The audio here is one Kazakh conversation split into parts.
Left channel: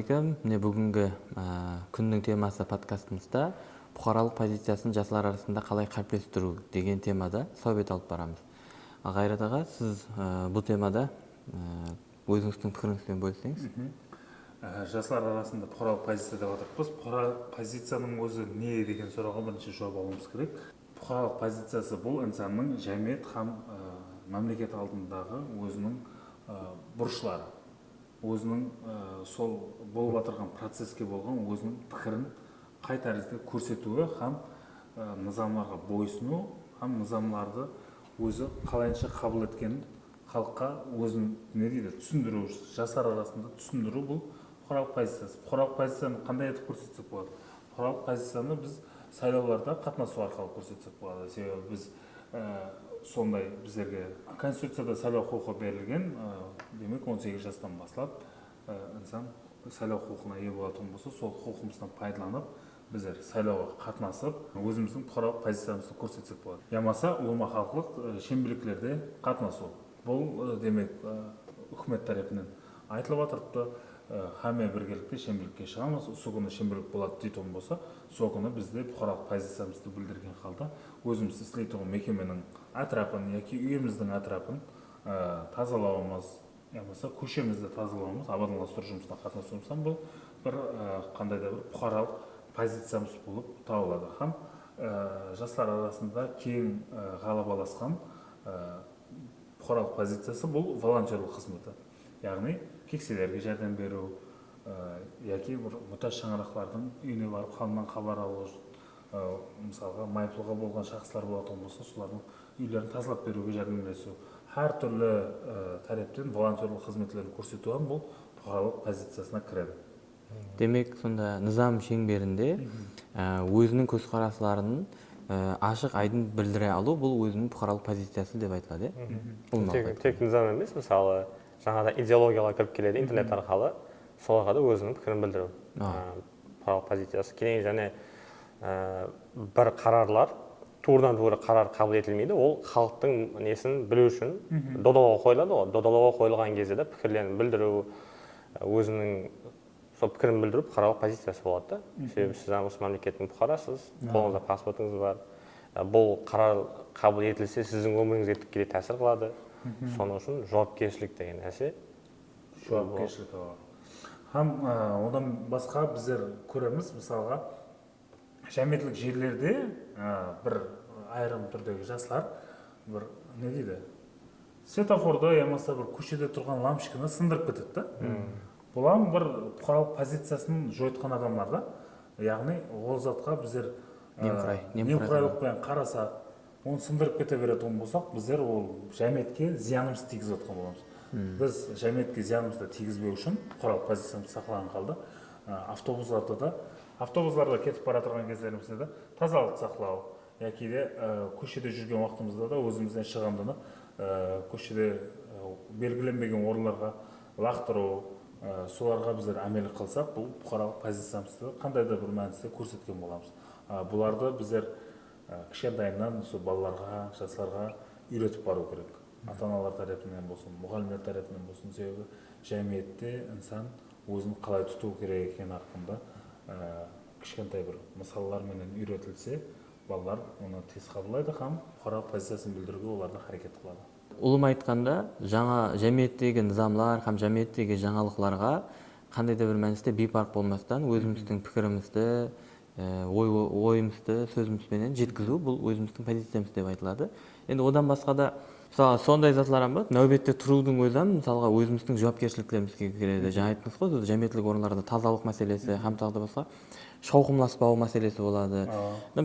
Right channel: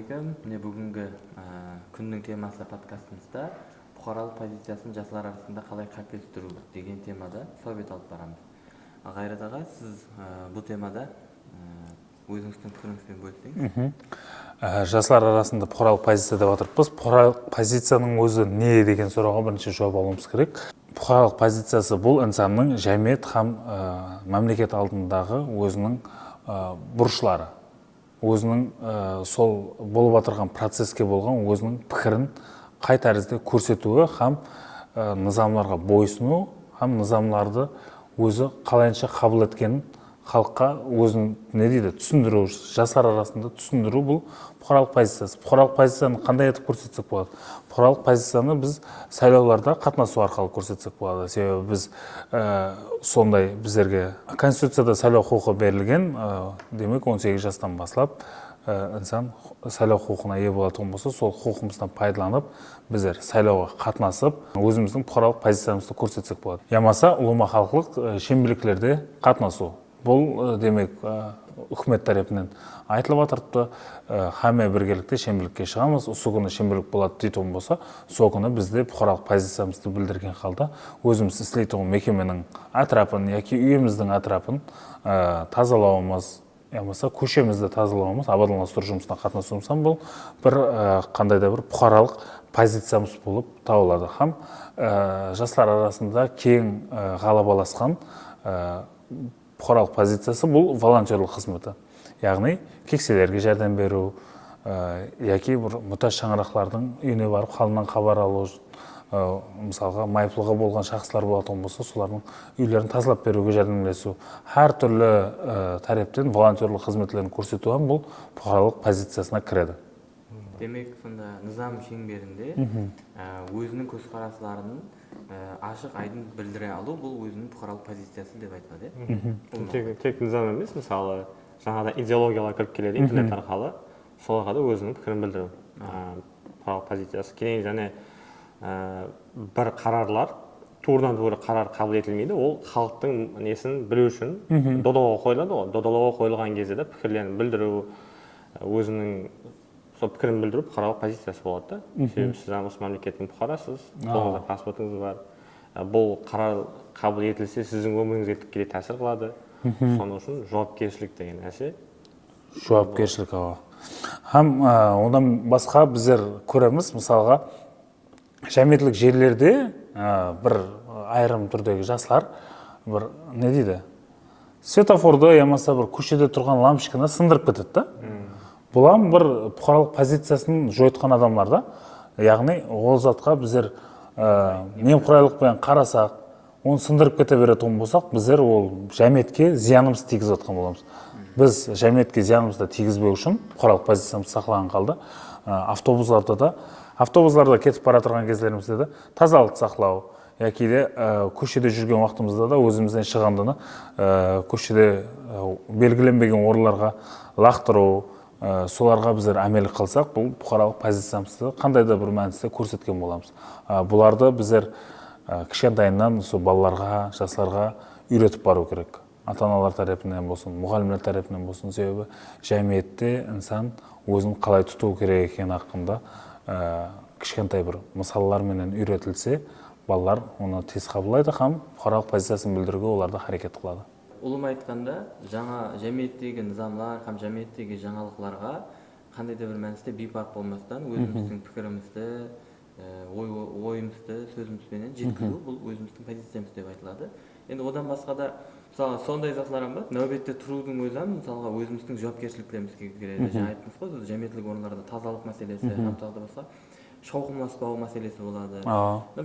Ассалаумағалейкум. Міне бүгінгі күннің темасы подкастымызда бұқаралық позициясын жастар арасында қалай қалыптастыру деген темада совет алып барамыз. Қайрат аға, сіз бұл темада өзіңіздің пікіріңізбен бөліссеңіз. Жастар арасында бұқаралық позиция деп отырмыз. Бұқаралық позицияның өзі не деген сұрауға бірінші жауап алуымыз керек. Бұқаралық позициясы бұл инсанның жәмиет һәм мемлекет алдындағы өзінің бұрышлары, өзінің сол болып отырған процеске болған өзінің пікірін қай тәрізде көрсетуі һәм низамларға бойсыну һәм низамларды өзі қалайынша қабыл еткенін халыққа өзін түсіндіру, жастар арасында түсіндіру бұл бұқаралық позициясы. Бұқаралық позицияны қандай етіп көрсетсек болады? Бұқаралық позицияны біз сайлауларда қатынасу арқылы көрсетсек болады. Себебі біз сондай біздерге Конституцияда сайлау құқығы берілген, демек 18 жастан бастап инсан сайлау құқығына ие болатын болса, сол құқығымыздан пайдаланып, біздер сайлауға қатынасып, өзіміздің бұқаралық позициямызды көрсетсек болады. Ямаса ұлыма халықлық шенбеліктерде қатынасу. Бұл демек үкімет тарапынан айтылып жатырды, һәме біргелікте шенбелікке шығамыз, осы күні шенбелік болады дейтін болса, сол күні бізде бұқаралық позициямызды білдірген халда өзіміз істейтін мекеменің атрапын яки үйіміздің атрапын тазалауымыз, ямаса көшемізді тазалауымыз, абаттандыру жұмысына қатынасуымыз, бұл бір қандай да бір бұқаралық позициямыз болып табылады. Һәм жастар арасында кең ғалабаласқан бұқаралық позициясы бұл волонтерлік қызметі. Яғни кекселерге жәрдем беру, яки бір мұқтаж шаңырақтардың үйіне барып халынан хабар алу, мысалға майыплығы болған шақсылар болатын болса, солардың үйлерін тазалап беруге жәрдемдесу. Әр түрлі тараптан волонтерлік қызметтерін көрсету бұл бұқаралық позициясына кіреді. Демек, сонда низам шеңберінде өзінің көзқарастарын ашық айдын білдіре алу бұл өзінің бұқаралық позициясы деп айтылады. Тек низам емес, мысалы жаңада идеологиялар кіріп келеді интернет арқылы, соларға да өзінің пікірін білдіру. Бұқаралық позициясы кейін және бір қарарлар туырдан тура қарар қабыл етілмейді, ол халықтың несін білу үшін додалауға қойылады ғой. Додалауға қойылған кезде де пікірлерін білдіру, өзінің сол пікірін білдіру бұқаралық позициясы болады да. Себебі сіз осы мемлекеттің бұқарасыз, қолыңызда паспортыңыз бар. Бұл қарар қабыл етілсе, сіздің өміріңізге тікелей тәсір қылады. Соның үшін жауапкершілік деген нәрсе. Жауапкершілік һәм одан басқа біздер көреміз, мысалға жәмиеттік жерлерде бір айрым түрдегі жастар бір не дейді? Светофорды ямаса бір көшеде тұрған лампочканы сындырып кетеді да. Бұлам бір бұқаралық позициясын жойытқан адамдар да. Яғни ол затқа біздер немқұрайлықпен қарасақ, оны сындырып кете беретін болсақ, біздер ол жәмиетке зиянымыз тигізіп жатқан боламыз. Біз жәмиетке зиянымызды тигізбеу үшін бұқаралық позициямыз сақлаған қалды. Автобустарда кетіп бара тұрған кездерімізде де тазалық сақлау, яки де көшеде жүрген уақытымызда да өзімізден шығандыны көшеде белгіленбеген орынларға лақтыру, соларға біздер әмелі қылсақ, бұл бұқаралық позициямызды қандай да бір мәністе көрсеткен боламыз. Бұларды біздер кішкентайынан балаларға, жастарға үйретіп бару керек. Ата-аналар тарапынан болсын, мұғалімдер тарапынан болсын, себебі жәмиетте инсан өзін қалай тұту керек екені хақында кішкентай бір мысалдармен үйретілсе, балалар оны тез қабылдайды һәм бұқаралық позициясын білдіруге оларды харекет қылады. Ұлым айтқанда, жаңа жәмиеттегі низамлар һәм жәмиеттегі жаңалықларға қандай да бір мәністе бейпарқ болмастан өзіміздің пікірімізді, ойымызды сөзімізбенен жеткізу бұл өзіміздің позициямыз деп айтылады. Енді одан басқа да мысалы сондай затлар бар, нәубетте тұрудың өзі мысалға өзіміздің жауапкершіліктерімізге кіреді. Жаңа айттыңыз ғой, жәмиеттік орындарда тазалық мәселесі һәм тағы да басқа шауқымласпау мәселесі болады.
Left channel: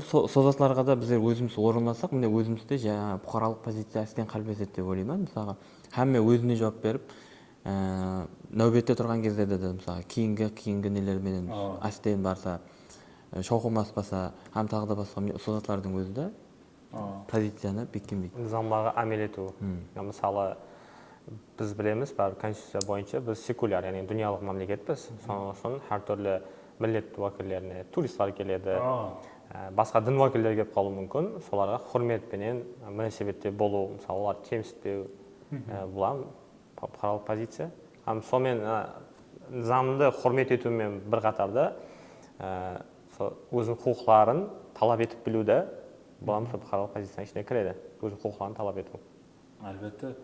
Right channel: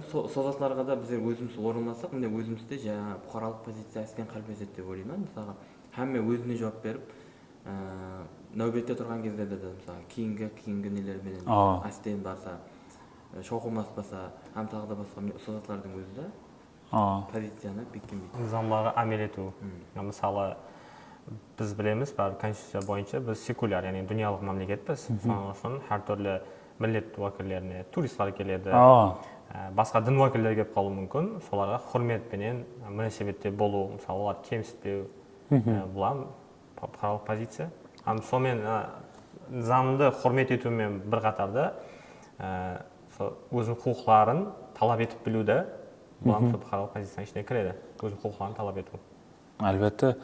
Сол затларға да біз өзіміз орынласақ, міне өзімізде бұқаралық позиция істен қалыптасады деп ойлаймын. Мысалға һәмме өзіне жауап беріп, нәубетте тұрған кездерде де мысалы кейінгі нелерменен астен барса, шауқымласпаса, һәм тағы да басқа сол затлардың өзі де позицияны бекітпейді. Низамларға әмел ету. Мысалы біз білеміз, конституция бойынша біз секуляр, яғни дүниялық мемлекетпіз. Соның үшін әр түрлі милләт уәкілдеріне туристтар келеді, басқа дін уәкілдері келіп қалуы мүмкін, соларға құрметпенен мөнәсәбәтте болу, мысалы олар кемсітпеу, бұл бұқаралық позиция. Сонымен низамды құрмет етумен бір қатарда сол өзінің құқықтарын талап етіп білу де бұл бұқаралық позицияның ішіне кіреді, өзінің құқықтарын талап ету. Әлбетте,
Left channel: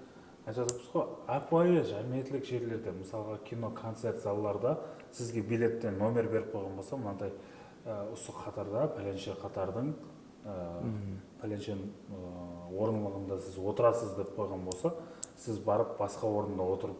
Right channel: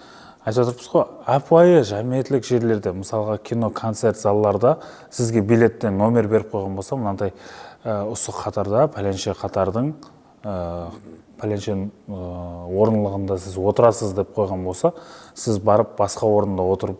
айтып отырмыз ғой, апайы жәмиетлік жерлерде, мысалға кино, концерт залларда сізге билеттен номер беріп қойған болса, мынандай осы қатарда, пәленше қатардың пәленше орынлығында сіз отырасыз деп қойған болса, сіз барып басқа орында отырып,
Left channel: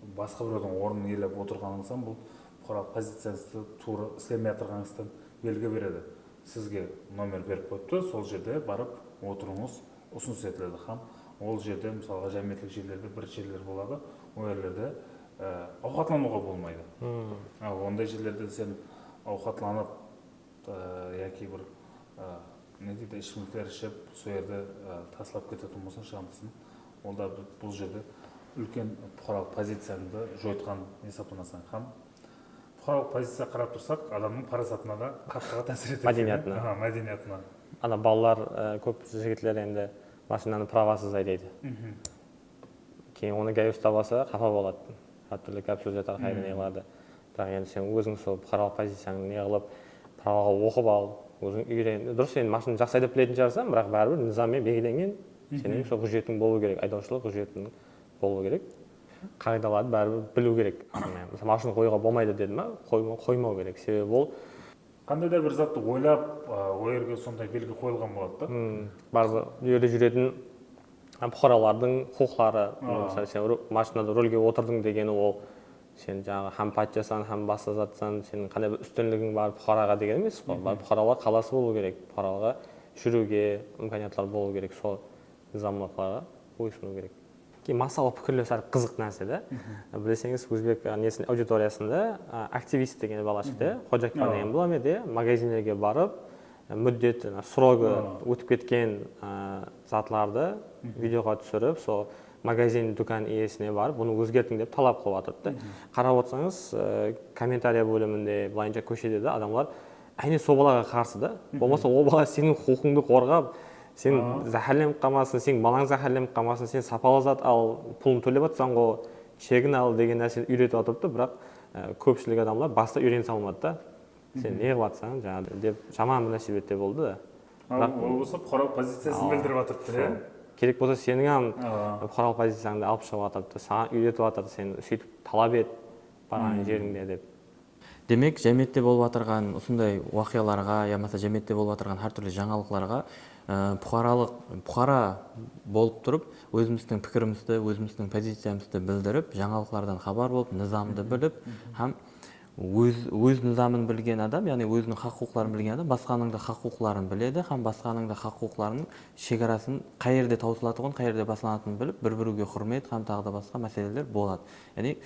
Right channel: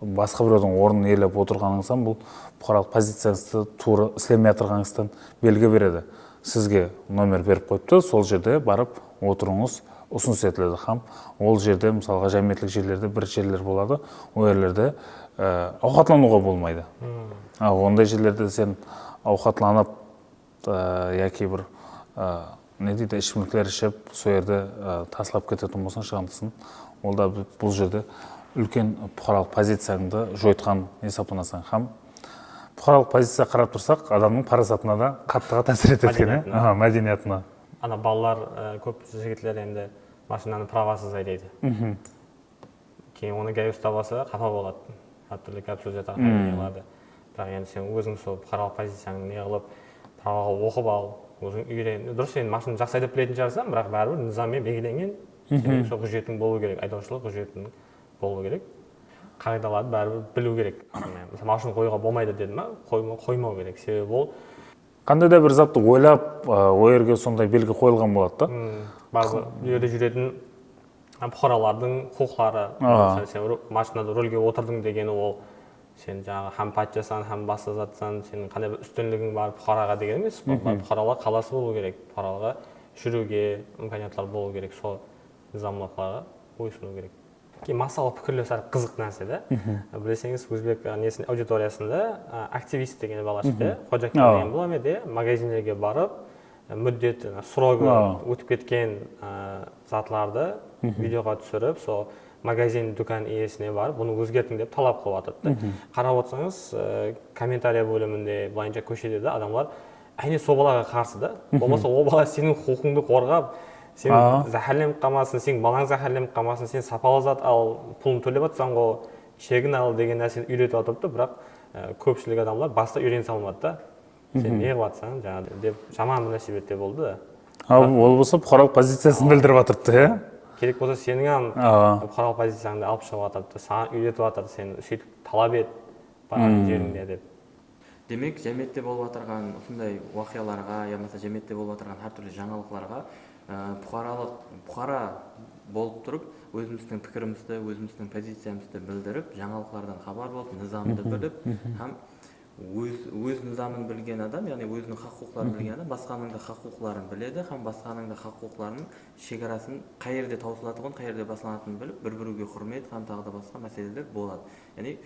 басқа біреудің орнын иелеп отырғаныңыздан бұл бұқаралық позицияңызды тура істемей жатырғаныңыздан белгі береді. Сізге номер беріп қойыпты, сол жерде барып отырыңыз ұсыныс етіледі. Хам ол жерде мысалға жәмиетлік жерлерде бір жерлер болады, ол жерлерде ауқатлануға болмайды. Ондай жерлерде сен ауқатланып яки бір не дейді, ішімдіктер ішіп, сол жерде тасылап кететін болсаң, шығандысын, ол да бұл жерде үлкен бұқаралық позицияңды жойытқан есептелінеді. Хам бұқаралық позиция қарап тұрсақ, адамның парасатына да қатты әсер етеді, мәдениетіне. Ана балалар көп жігітлер енді машинаны правасыз айдайды. Кейін оны гай ұстап алса, қапа болады. Әртүрлі гәп сөз айтады, не қылады. Бірақ енді сен өзің сол бұқаралық позицияңды не қылып, праваға оқып ал, өзің үйрен. Дұрыс, сен машинаны жақсы айдап білетін шығарсың, бірақ бәрібір низаммен белгіленген сенің сол құжетің болу керек, айдаушылық құжетің болу керек. Қағидаларды бәрібір білу керек. Мысалы, машина қоюға болмайды деді ма, қоймау керек. Себебі ол қандай да бір затты ойлап, ол жерге сондай белгі қойылған болады да. Бәрібір жерде жүретін бұқаралардың құқықтары. Мысалы, сен машинада рөлге отырдың дегені ол сен жаңағы һәм патшасың, һәм басқа затсың, сенің қандай бір үстінлігің бар бұқараға деген емес. Бұқаралар қаласы болу керек, бұқараларға жүруге имканиятлар болу керек, сол низамлықларға бойсыну керек. Кейін масалы пікірлер сәл қызық нәрсе да. Білесеңіз, өзбек аудиториясында активист деген бала шықты, ходжакан деген бола ме де, магазиндерге барып, мүддет, срогы өтіп кеткен затларды видеоға түсіріп, сол магазин дүкан иесіне барып, бұны өзгертің деп талап қылып жатырды. Қарап отырсаңыз, комментария бөлімінде, былайынша көшеде де адамлар әне сол балаға қарсы да. Болмаса ол бала сенің құқыңды қорғап, сен зәһәрленіп қалмасын, сен балаң зәһәрленіп қалмасын, сен сапалы зат ал, пұлын төлеп жатсаң ғой, шегін ал деген нәрсені үйретіп отырды, бірақ көпшілік адамлар баста үйрене салмады да. Сен не қылып жатсаң, жаңағы деп жаман бір нәрсе бетте болды да. Ол болса бұқаралық позициясын білдіріп жатырды, керек болса сенің бұқаралық позицияңды алып шығып жатырды, саған үйретіп жатырды, сен сөйтіп талап ет барған жеріңде деп. Демек, жәмиетте болып жатырған осындай уақияларға, ямаса жәмиетте болып жатырған әртүрлі жаңалықтарға бұқара болып тұрып, өзіміздің пікірімізді, өзіміздің позициямызды білдіріп, жаңалықтардан хабар болып, низамды біліп, һәм өз низамын білген адам, яғни өзінің хақ-құқықтарын білген адам, басқаның да хақ-құқықтарын біледі, һәм басқаның да хақ-құқықтарының шекарасын қай жерде таусылатынын, қай жерде басылатынын біліп, бір-біріге құрмет, һәм тағы да басқа мәселелер болады. Яғни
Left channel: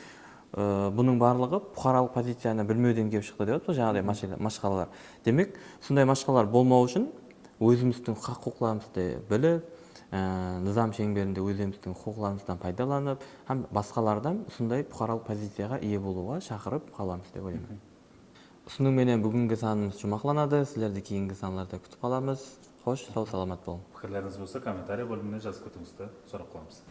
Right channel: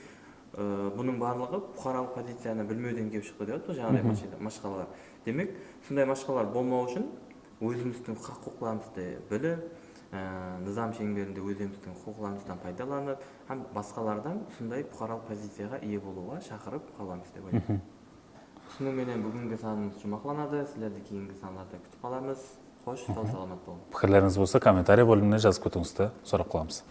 бұның барлығы бұқаралық позицияны білмеуден келіп шықты деп жатыр, жаңағыдай машқалалар. Демек, сондай машқалар болмау үшін өзіміздің хақ-құқықтарымызды біліп, низам шеңберінде өзіміздің құқықтарымыздан пайдаланып, һәм басқалардан сондай бұқаралық позицияға ие болуға шақырып қаламыз деп ойлаймын. Осыныңменен бүгінгі санымыз жұмақланады. Сіздерді кейінгі саналарда күтіп қаламыз. Қош, сау саламат болыңыз. Пікірлеріңіз болса, комментарий бөліміне жазып кетіңізді сұрап қаламыз.